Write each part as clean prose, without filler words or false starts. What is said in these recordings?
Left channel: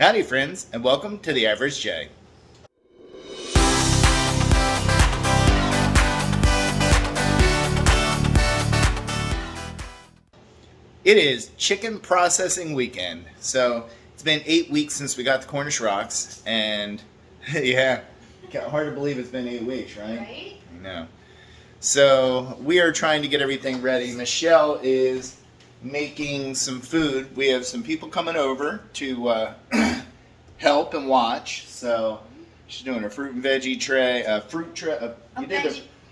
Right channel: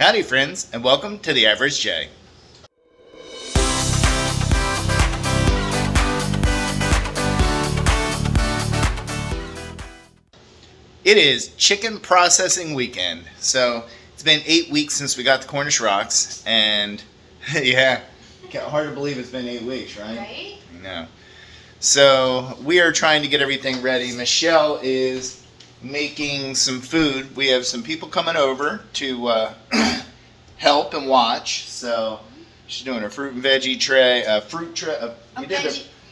Howdy friends, and welcome to The Average J. It is chicken processing weekend. So it's been 8 weeks since we got the Cornish rocks, and yeah, hard to believe it's been 8 weeks, right? I know. So we are trying to get everything ready. Michelle is making some food. We have some people coming over to help and watch. So she's doing a fruit and veggie tray,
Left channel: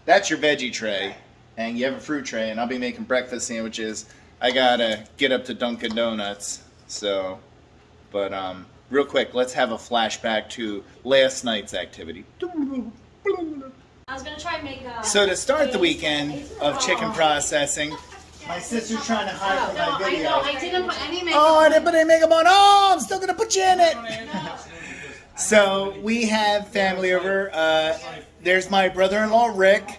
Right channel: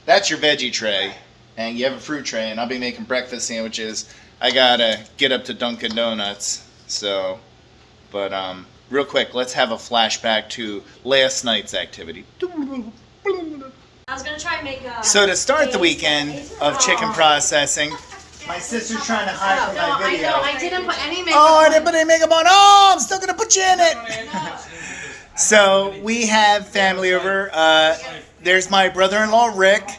that's your veggie tray, and you have a fruit tray, and I'll be making breakfast sandwiches. I gotta get up to Dunkin' Donuts. So, but real quick, let's have a flashback to last night's activity. I was gonna try and make So to start the weekend of chicken processing, my sister's trying to hide from my video. I didn't put any makeup Oh, I didn't put any makeup on. Oh, I'm still gonna put you in it. So we have family over. There's my brother-in-law Rick.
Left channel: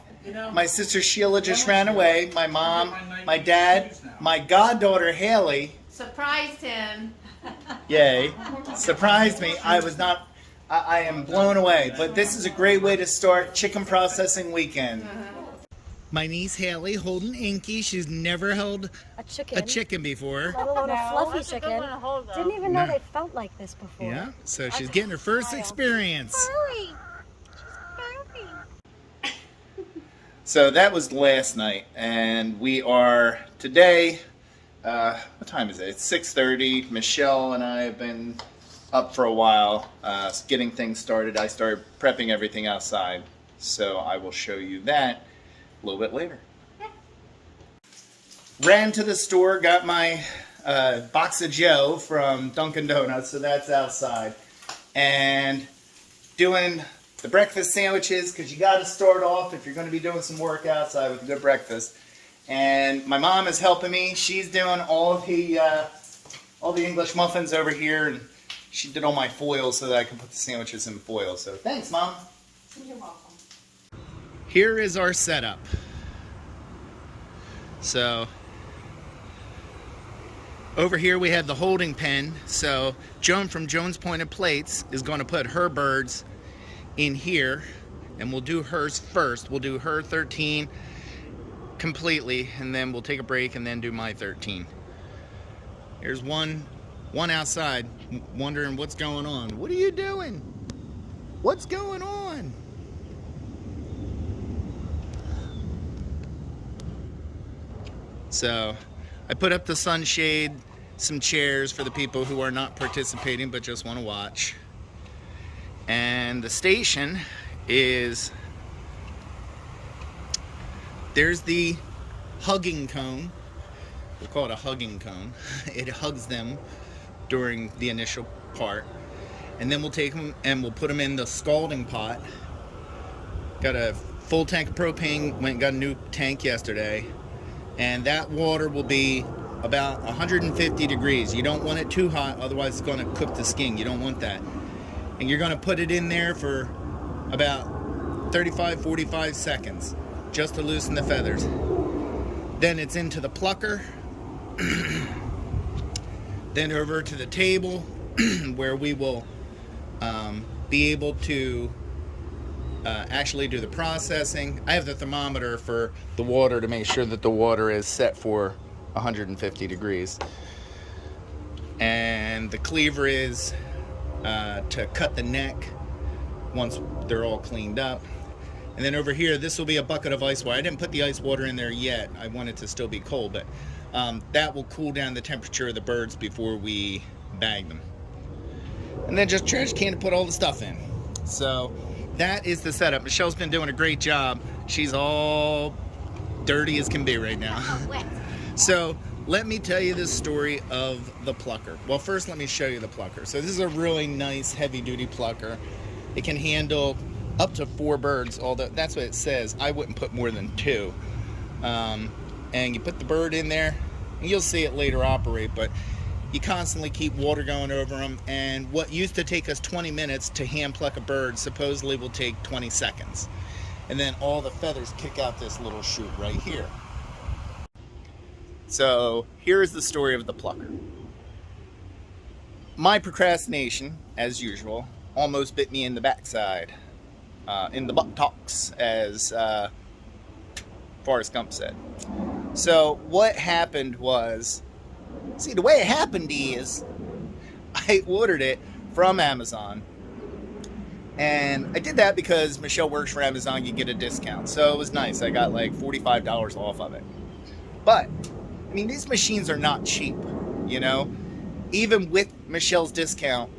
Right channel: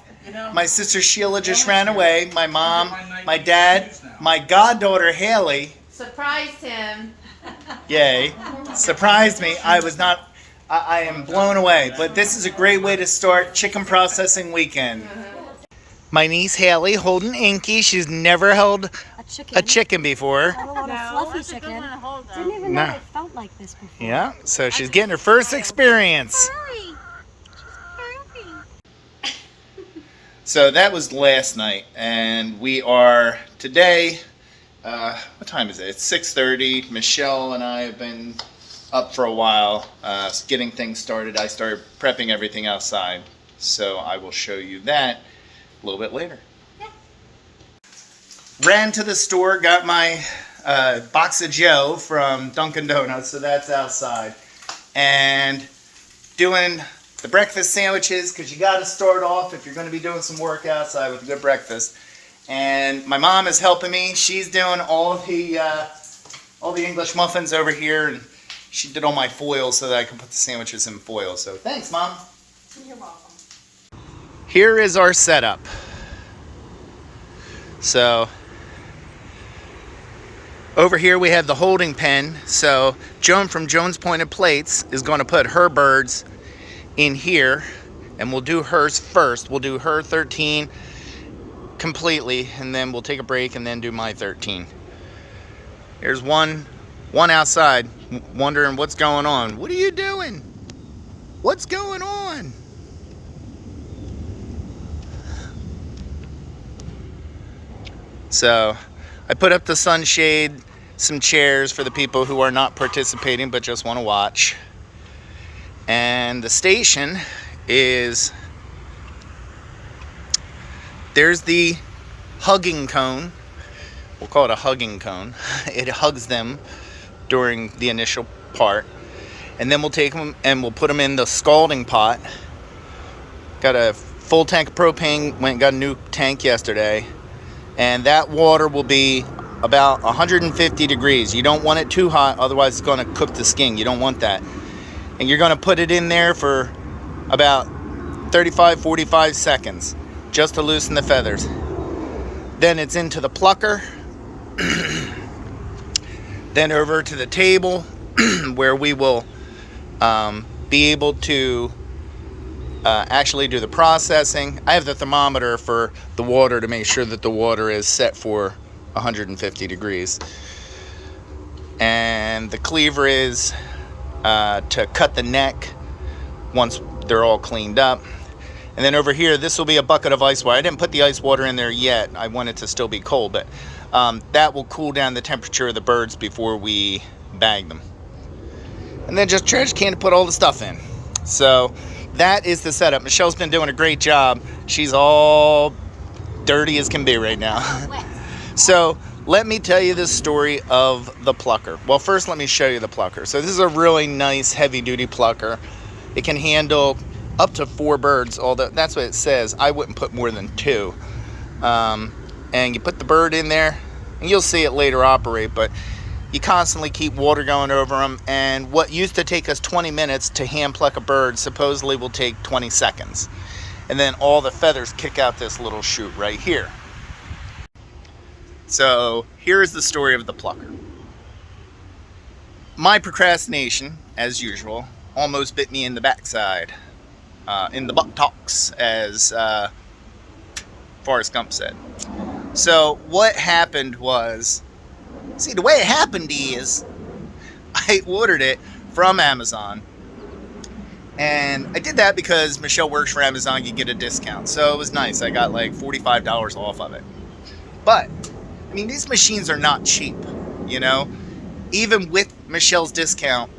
My sister Sheila just ran away. My mom, my dad, my goddaughter Haley. Surprised him. Yay! Surprised me. I am blown away. But this is a great way to start chicken processing weekend. My niece Haley holding Inky. She's never held a chicken before. Let alone a fluffy chicken. Didn't even know it felt like this before. Yeah, so she's getting her first experience. So that was last night, and we are today, what time is it? It's 6:30. Michelle and I have been up for a while, getting things started. I started prepping everything outside, so I will show you that a little bit later. Yeah. Ran to the store, got my box of Joe from Dunkin' Donuts, so that's outside, and doing the breakfast sandwiches, because you got to start off if you're going to be doing some work outside with a good breakfast. And my mom is helping me. She's doing all the English muffins over here, and she did all my foil so that I can put the sandwiches in foil. So thanks, Mom. You're welcome. Here is our setup. So over here we have the holding pen. So Joan from Joan's Pointed Plates is going to put her birds in here, and we'll do hers first. We'll do her 13 completely, and then we'll take a break and then do my 13. There's one outside wondering what's going on. What are you doing? What's going on? So I put up the sunshade, some chairs for the people who are not participating but just want to watch. And the station is, there's the hugging cone. We'll call it a hugging cone. It hugs them during the initial part. And then we'll take them and we'll put them in the scalding pot. Got a full tank of propane, went and got a new tank yesterday. And that water will be about 150 degrees. You don't want it too hot, otherwise it's gonna cook the skin. You don't want that. And you're going to put it in there for about 35-45 seconds just to loosen the feathers. Then it's into the plucker, then over to the table where we will be able to actually do the processing. I have the thermometer for the water to make sure that the water is set for 150 degrees. And the cleaver is to cut the neck once they're all cleaned up. And then over here, this will be a bucket of ice water. I didn't put the ice water in there yet. I want it to still be cold, but that will cool down the temperature of the birds before we bag them. And then just trash can to put all the stuff in. So that is the setup. Michelle's been doing a great job. She's all dirty as can be right now. So let me tell you the story of the plucker. Well, first let me show you the plucker. So this is a really nice heavy-duty plucker. It can handle up to 4 birds, although that's what it says. I wouldn't put more than 2. And you put the bird in there, and you'll see it later operate, but you constantly keep water going over them, and what used to take us 20 minutes to hand pluck a bird supposedly will take 20 seconds. And then all the feathers kick out this little chute right here. So here is the story of the plucker. my procrastination, as usual, almost bit me in the backside, in the buttocks, as Forrest Gump said. So what happened was, see, the way it happened is, I ordered it from Amazon, and I did that because Michelle works for Amazon. You get a discount, so it was nice. I got like $45 off of it. But I mean, these machines are not cheap, you know. Even with Michelle's discount,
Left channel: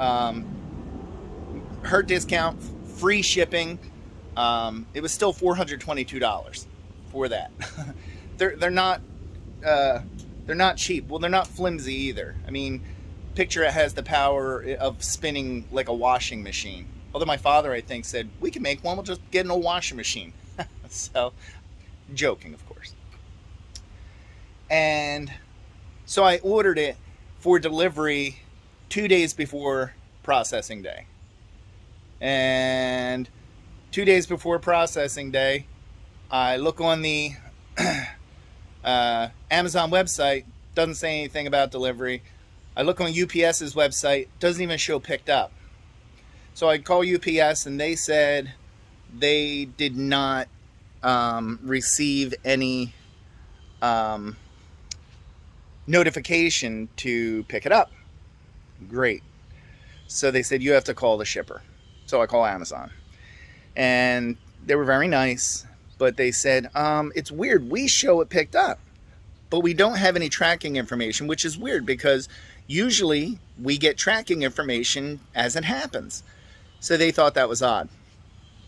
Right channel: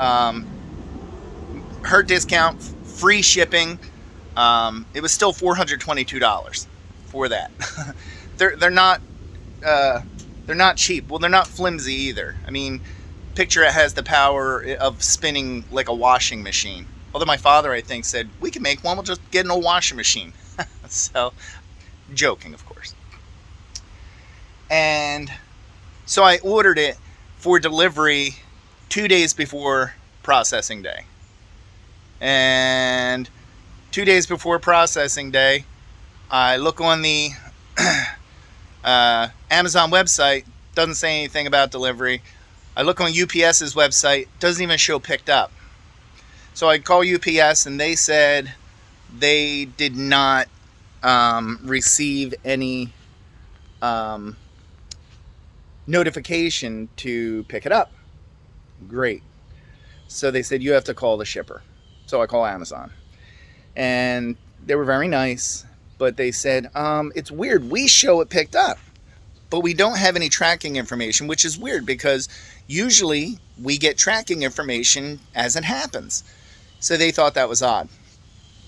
her discount, free shipping, it was still $422 for that. they're not cheap. Well, they're not flimsy either. I mean, picture it has the power of spinning like a washing machine. Although my father, I think, said we can make one. We'll just get an old washing machine. So, joking, of course. And so I ordered it for delivery 2 days before processing day. And 2 days before processing day, I look on the Amazon website, doesn't say anything about delivery. I look on UPS's website, doesn't even show picked up. So I call UPS and they said they did not receive any notification to pick it up. Great. So they said you have to call the shipper. So I call Amazon. And they were very nice, but they said, it's weird. We show it picked up, but we don't have any tracking information, which is weird because usually we get tracking information as it happens. So they thought that was odd.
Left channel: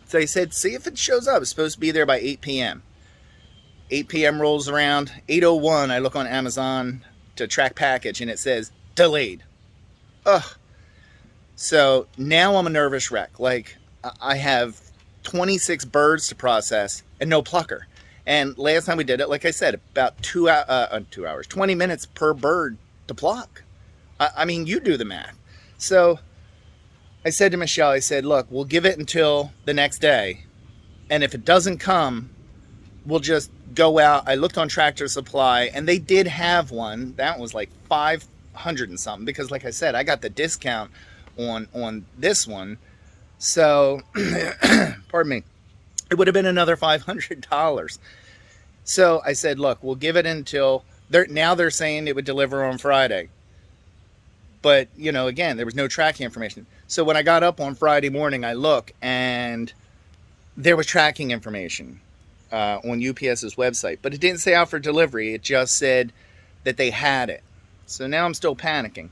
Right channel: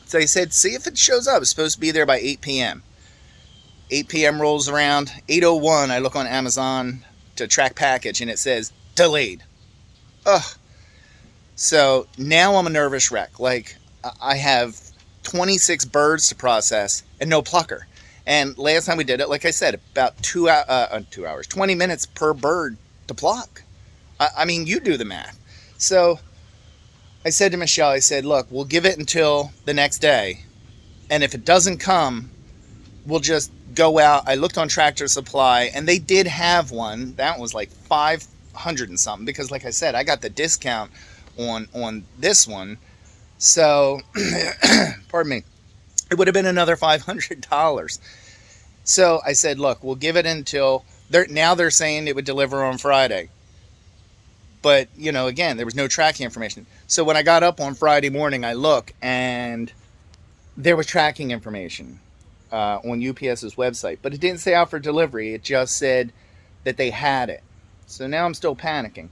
So they said, see if it shows up. It's supposed to be there by 8 p.m. 8 p.m. rolls around. 8:01, I look on Amazon to track package, and it says, delayed. Ugh. So now I'm a nervous wreck. Like, I have 26 birds to process and no plucker. And last time we did it, like I said, about 2 hours, 20 minutes per bird to pluck. I mean, you do the math. So I said to Michelle, I said, look, we'll give it until the next day. And if it doesn't come, we'll just go out. I looked on Tractor Supply and they did have one. That was like 500 and something because like I said, I got the discount on this one. So, pardon me, it would have been another $500. So I said, look, we'll give it until, now they're saying it would deliver on Friday. But, you know, again, there was no tracking information. So when I got up on Friday morning, I look and there was tracking information on UPS's website. But it didn't say out for delivery. It just said that they had it. So now I'm still panicking.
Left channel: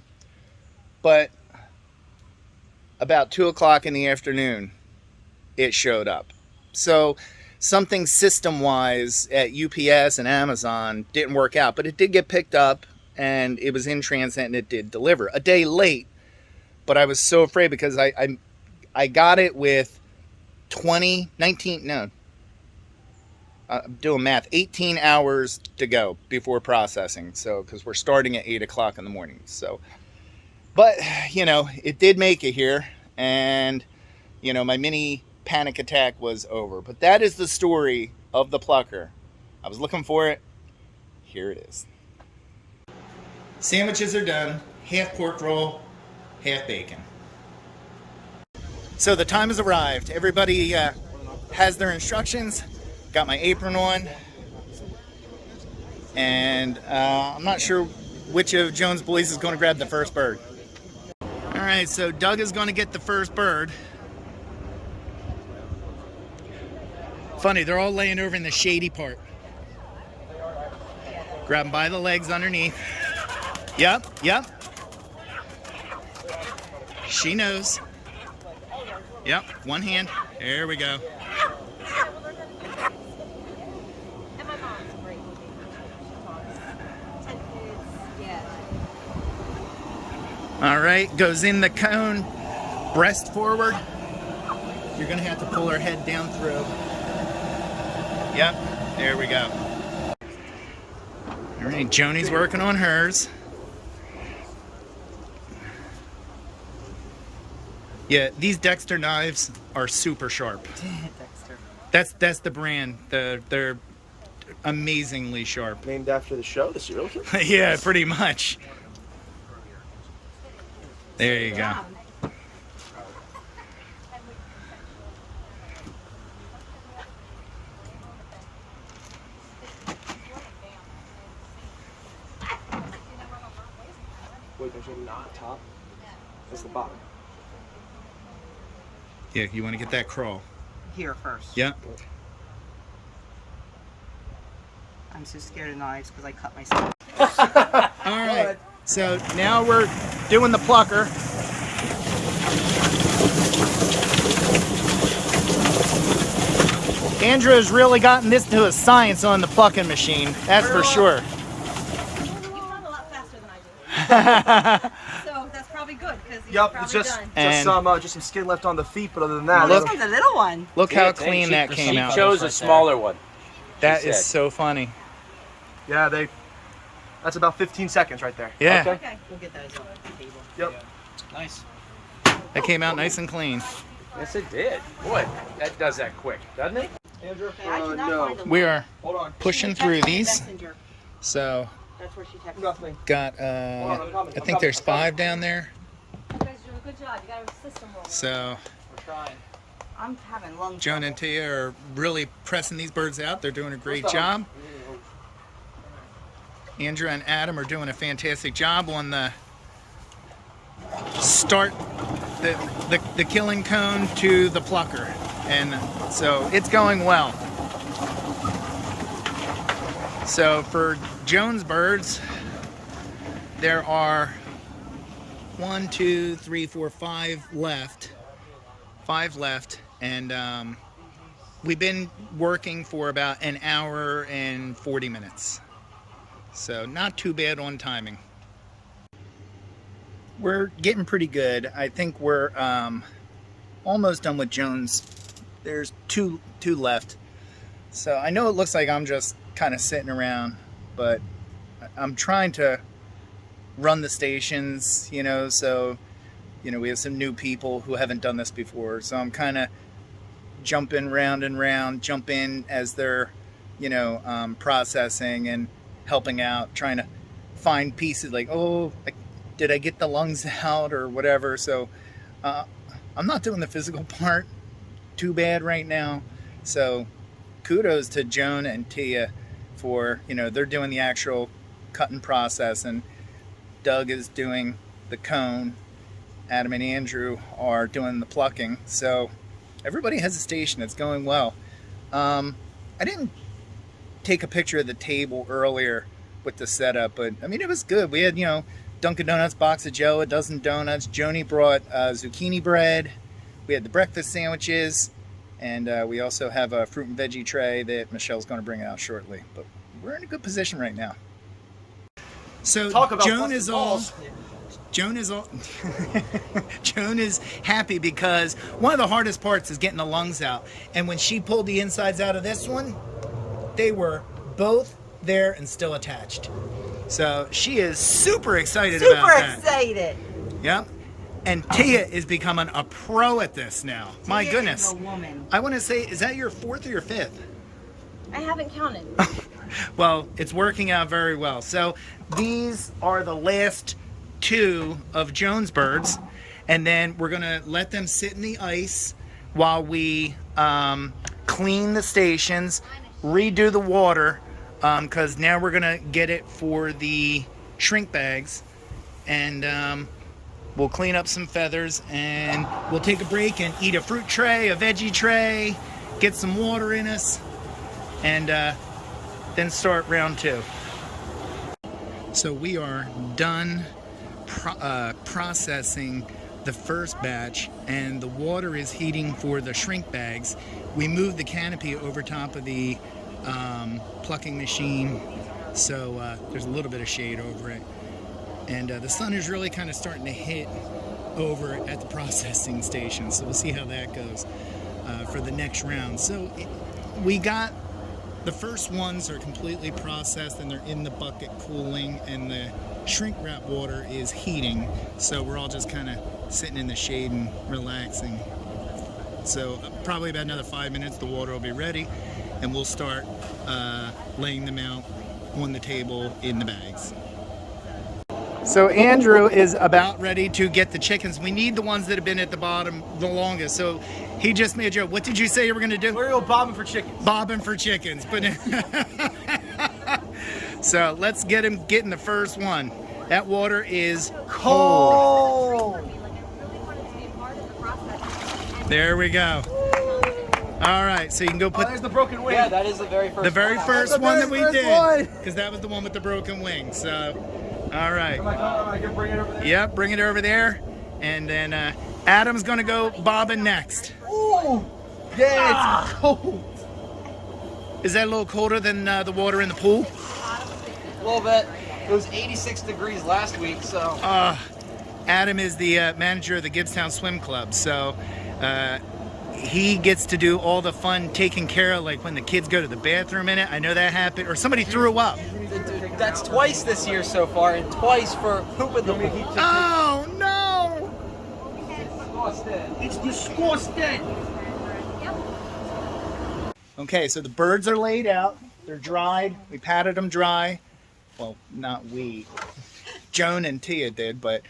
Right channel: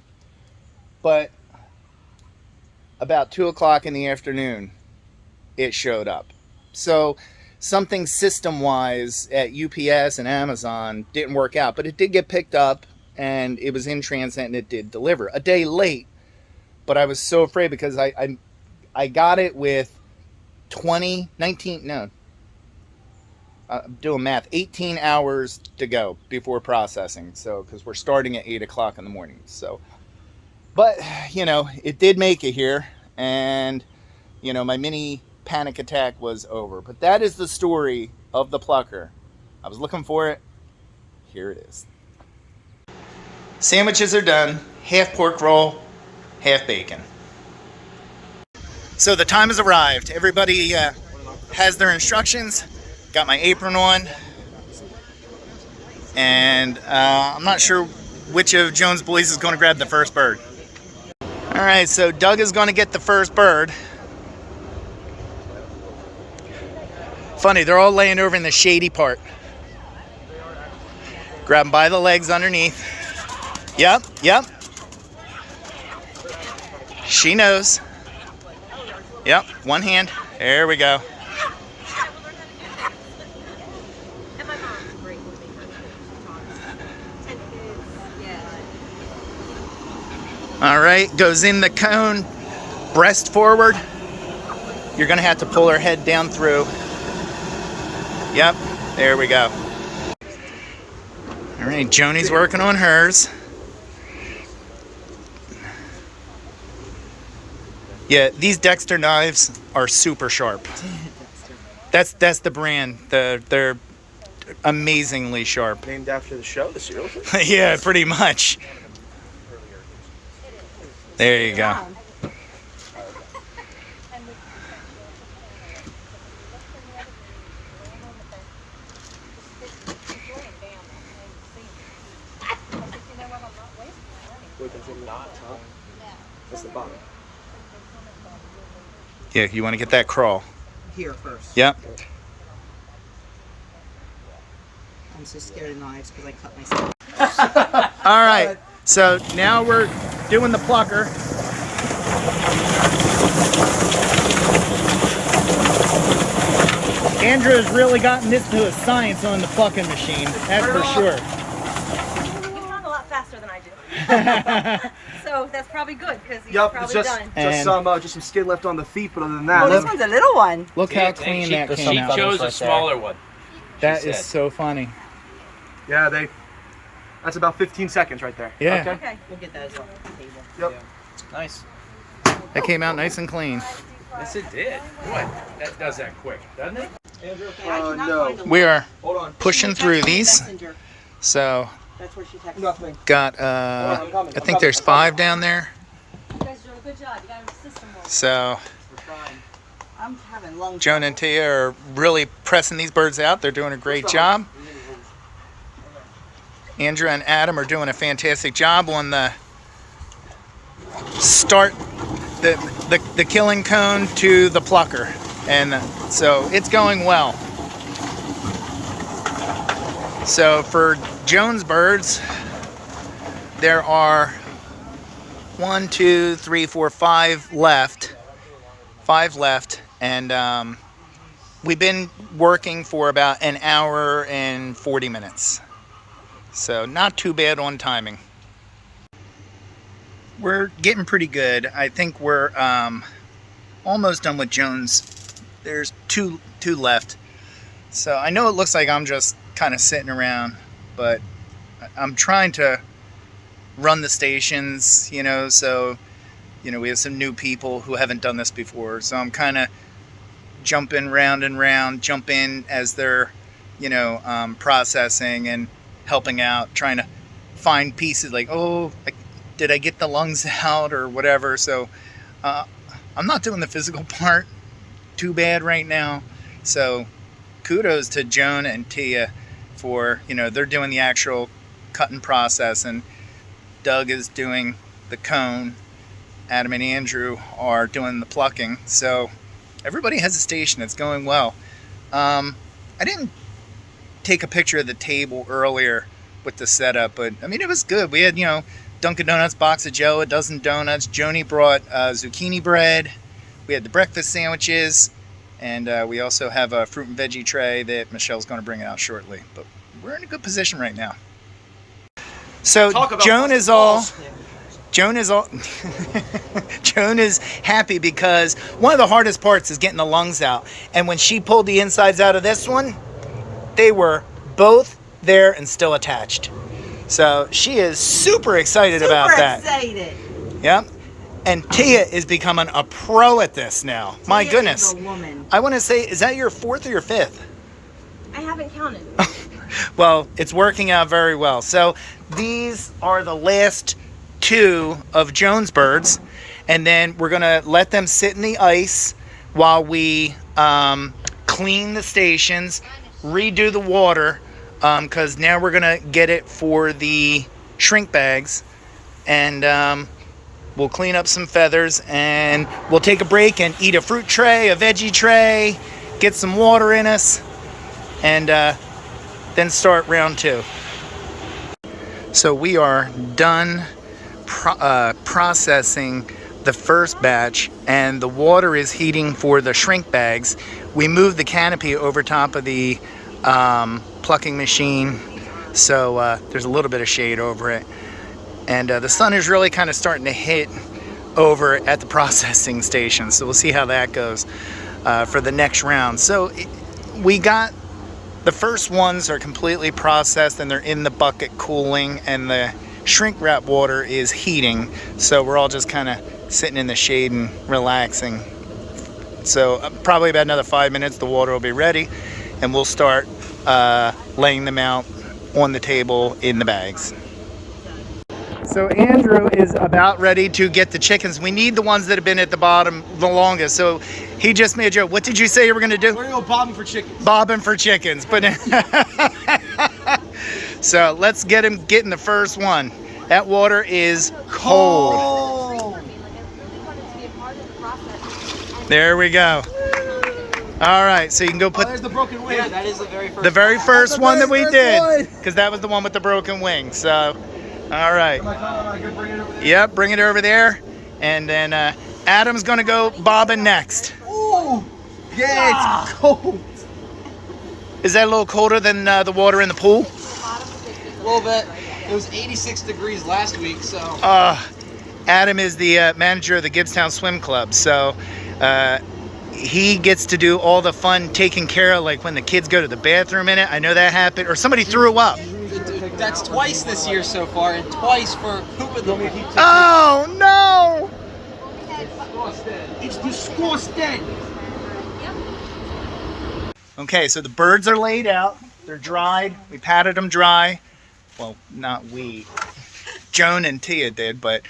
But about 2 o'clock in the afternoon, it showed up. So something system-wise at UPS and Amazon didn't work out. But it did get picked up. And it was in transit and it did deliver a day late, but I was so afraid because I got it with 18 hours to go before processing. So, because we're starting at 8 o'clock in the morning. So, but you know, it did make it here and you know, my mini panic attack was over, but that is the story of the plucker. I was looking for it. Here it is. Sandwiches are done, half pork roll, half bacon. So the time has arrived. Everybody has their instructions. Got my apron on. And I'm not sure which of Jones' boys is going to grab the first bird. All right, so Doug is going to get the first bird. Funny, they're all laying over in the shady part. Grab them by the legs underneath. Yep. She knows. Yep, one hand. There we go. All right, goes in the cone, breast forward. You're gonna have to pull her head down through. Yep, there we go. All right, Joni's working on hers. Yeah, these Dexter knives are super sharp. That's the brand. They're amazingly sharp. Named after the show, the serial killer? Yeah, pretty much. There you go. Yeah, you want to get that crawl. Here first. Yep. I'm so scared of knives because I cut myself. All right, so now we're doing the plucker. Andrew has really gotten this to a science on the plucking machine, that's for sure. You found a lot faster than I do. So that's probably good because you're probably done. Just some skin left on the feet, but other than that, This one's a little one. Look how clean that came out. She chose a smaller one. That is so funny. yeah, that's about 15 seconds right there. Yeah, Okay, we'll get those off the table. Yep. Nice. that came out nice and clean. Yes, it did. Boy, that does that quick, doesn't it? No. We are Hold on. pushing through these, so That's where she texted. Nothing. got I think there's 5 down there. You guys are doing a good job. You got a system working. So I'm having lungs. Joan and Tia are really pressing these birds out. They're doing a great job. Andrew and Adam are doing a fantastic job on the start, the killing cone to the plucker, and so it's going well. So for Joan's birds, there are 1, 2, 3, 4, 5 left. 5 left, and we've been working for about an hour and 40 minutes. So not too bad on timing. We're getting pretty good. I think we're almost done with Jones. There's two left. So I know it looks like I'm just kind of sitting around, but I'm trying to run the stations, you know, so we have some new people who haven't done this before. So I'm kind of jumping round and round, jump in as they're, processing and helping out, trying to find pieces like, did I get the lungs out or whatever. So I'm not doing the physical part too bad right now. So kudos to Joan and Tia for, they're doing the actual cutting process, and Doug is doing the cone. Adam and Andrew are doing the plucking. So everybody has a station. It's going well. I didn't take a picture of the table earlier with the setup, but I mean, it was good. We had, Dunkin' Donuts box of Joe, a dozen donuts. Joni brought zucchini bread. We had the breakfast sandwiches, and we also have a fruit and veggie tray that Michelle's going to bring out shortly. But we're in a good position right now. So Joan is happy because one of the hardest parts is getting the lungs out. And when she pulled the insides out of this one, they were both there and still attached. So she is super excited about that. Super excited. Yep. And Tia is becoming a pro at this now. My goodness. Is a woman. I want to say, is that your 4th or your 5th? I haven't counted. Well, it's working out very well. So these are the last 2 of Joan's birds, and then we're gonna let them sit in the ice while we clean the stations, redo the water, because now we're gonna get it for the shrink bags, and we'll clean up some feathers, and we'll take a break and eat a fruit tray, a veggie tray, get some water in us, and then start round 2. So we are done processing the first batch, and the water is heating for the shrink bags. We moved the canopy over top of the plucking machine, so there's a little bit of shade over it, and the sun is really kind of starting to hit over at the processing station, so we'll see how that goes for the next round. So we got the first ones are completely processed and they're in the bucket cooling, and the shrink wrap water is heating, so we're all just kind of sitting in the shade and relaxing. So probably about another 5 minutes the water will be ready, and we'll start laying them out on the table in the bags. So Andrew is about ready to get the chickens. We need the ones that have been at the bottom the longest. So he just made a joke. What did you say you were going to do? We're gonna go bobbing for chickens. Bobbing for chickens. But so let's get him getting the first one. That water is cold. There we go. All right, so you can go put There's the broken wing. Yeah, that is the very first one that we first did, one. because that was the one with the broken wing. So, all right. Am I gonna bring it over there? Yep, bring it over there, and then Adam's gonna go bobbing next. Ooh, yeah, it's cold. Is that a little colder than the water in the pool? A little bit. It was 86 degrees last week, so. Adam is the manager of the Gibbstown Swim Club, so he gets to do all the fun taking care of, like when the kids go to the bathroom in it. I know that happened, or somebody threw up. That's twice this year so far, and twice for poop in the pool. Oh no! It's disgusting. Okay, so the birds are laid out. They're dried. We patted them dry. Well, not we. Joan and Tia did, but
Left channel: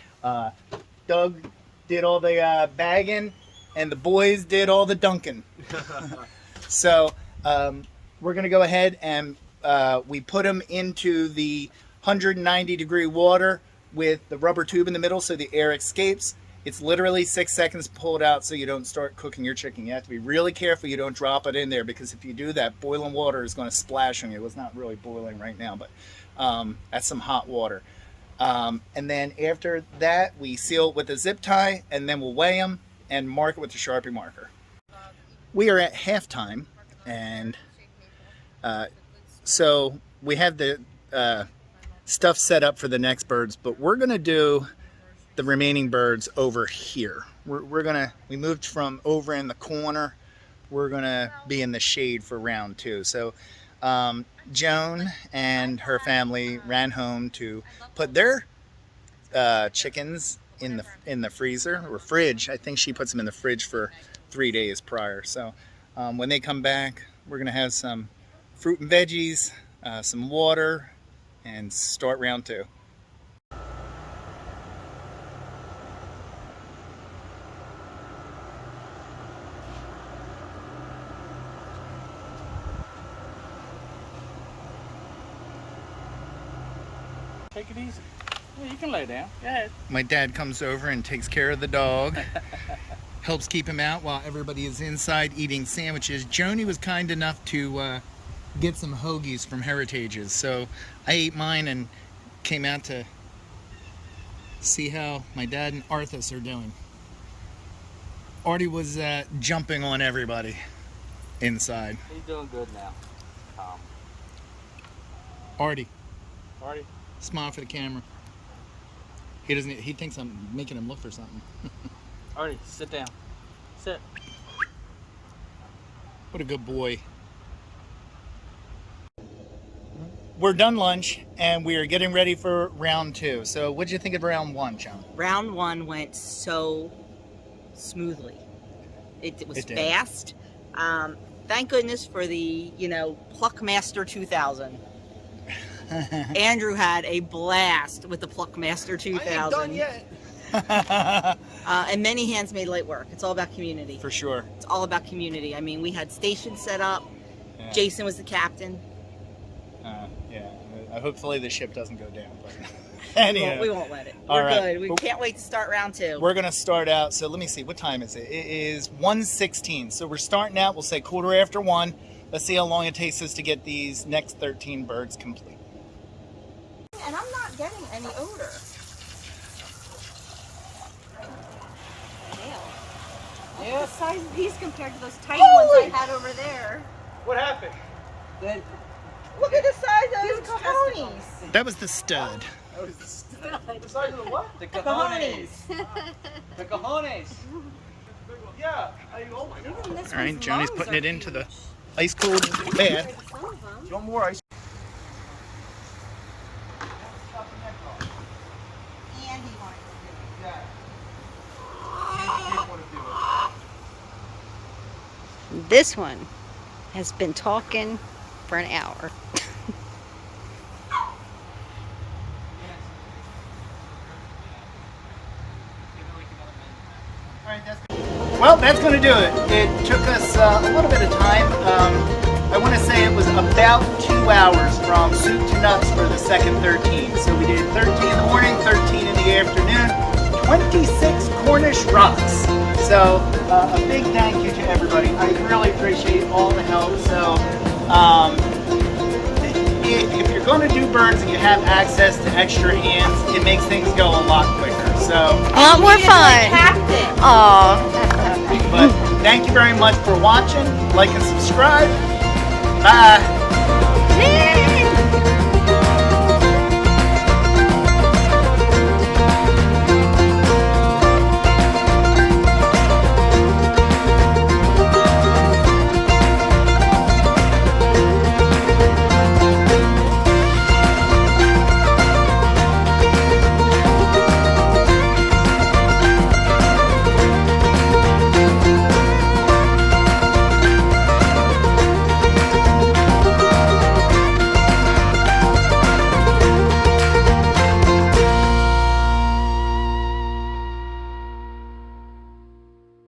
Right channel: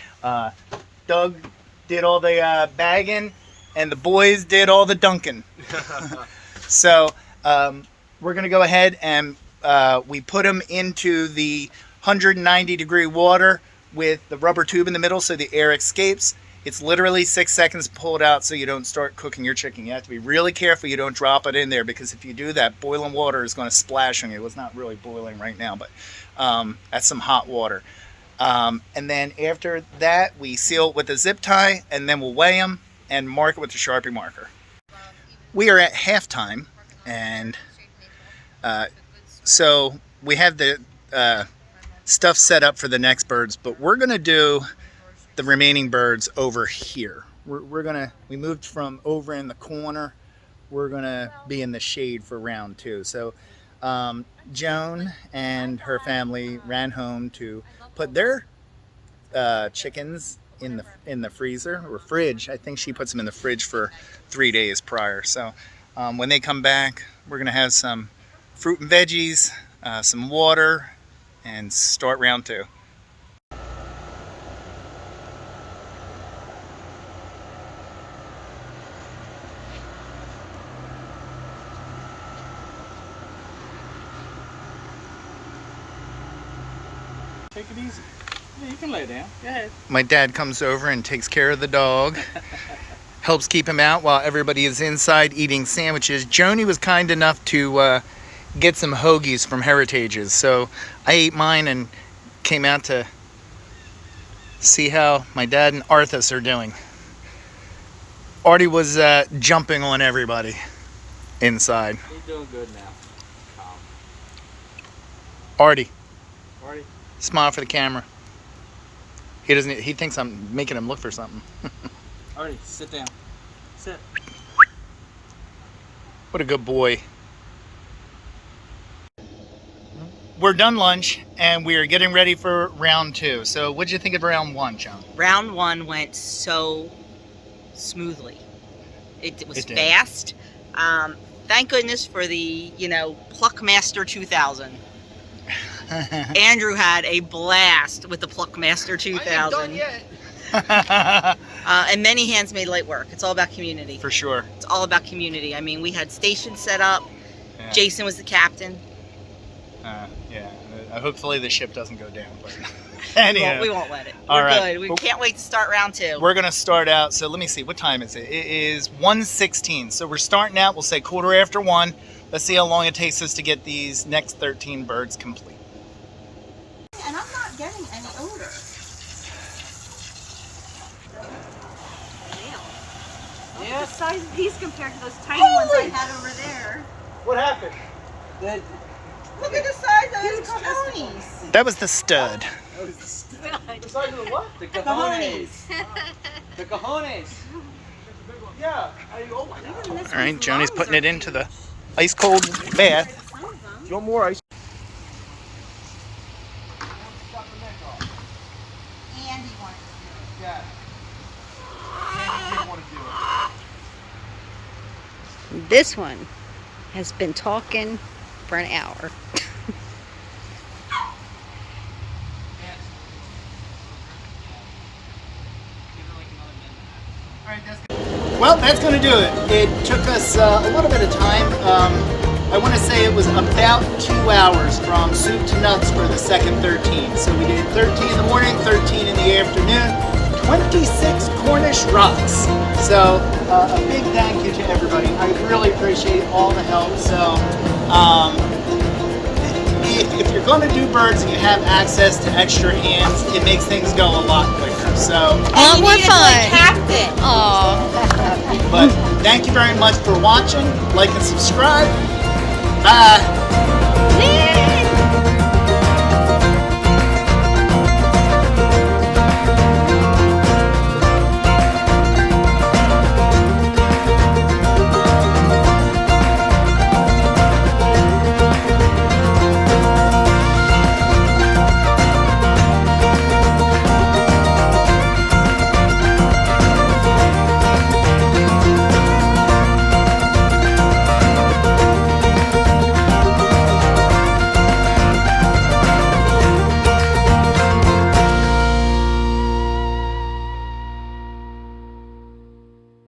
Doug did all the bagging, and the boys did all the dunking. So we're going to go ahead and we put them into the 190 degree water with the rubber tube in the middle so the air escapes. It's literally 6 seconds to pull it out so you don't start cooking your chicken. You have to be really careful you don't drop it in there, because if you do that, boiling water is going to splash on you. It's not really boiling right now, but that's some hot water. And then after that, we seal it with a zip tie, and then we'll weigh them and mark it with a Sharpie marker. We are at halftime, and so we have the stuff set up for the next birds, but we're going to do the remaining birds over here. We moved from over in the corner. We're gonna be in the shade for round 2. So Joan and her family ran home to put their chickens in the freezer or fridge. I think she puts them in the fridge for 3 days prior. So when they come back, we're gonna have some fruit and veggies, some water, and start round 2. Take it easy. Yeah, you can lay down. Go ahead. My dad comes over and takes care of the dog, helps keep him out while everybody is inside eating sandwiches. Joni was kind enough to get some hoagies from Heritage's, so I ate mine and came out to see how my dad and Arthas are doing. Artie was jumping on everybody inside. He's doing good now. Artie, Artie. smile for the camera. He thinks I'm making him look for something. Artie, sit down. Sit. What a good boy. We're done lunch and we are getting ready for round 2. So what'd you think of round 1, Joan? Round 1 went so smoothly. It was fast. Thank goodness for the, Pluck Master 2000. Andrew had a blast with the Pluck Master 2000. And many hands made light work. It's all about community. For sure. It's all about community. I mean, we had stations set up. Yeah. Jason was the captain. Yeah. Hopefully the ship doesn't go down. But anyhow. We won't let it. We're good. We can't wait to start round 2. We're going to start out. So let me see. What time is it? It is 1:16. So we're starting out. We'll say 1:15. Let's see how long it takes us to get these next 13 birds complete. And I'm not getting any odor. Yeah. The size of these compared to those tiny ones I had over there. What happened? Look at the size of those cojones. That was the stud. That was the stud. The size of the what? The cojones. The cojones. Yeah. All right, Joni's putting it into the ice cold bath. No more ice. Andy wanted to do it. Yeah. Andy did want to do it. This one has been talking for an hour. Well, that's going to do it. It took us a little bit of time. I want to say it was about 2 hours from soup to nuts for the second 13. So we did 13 in the morning, 13 in the afternoon, 26 Cornish rocks. So a big thank you to everybody. I really appreciate all the help. So if you're going to do birds and you have access to extra hands, it makes things go a lot quicker. So more fun. but thank you very much for watching. Like and subscribe. Bye.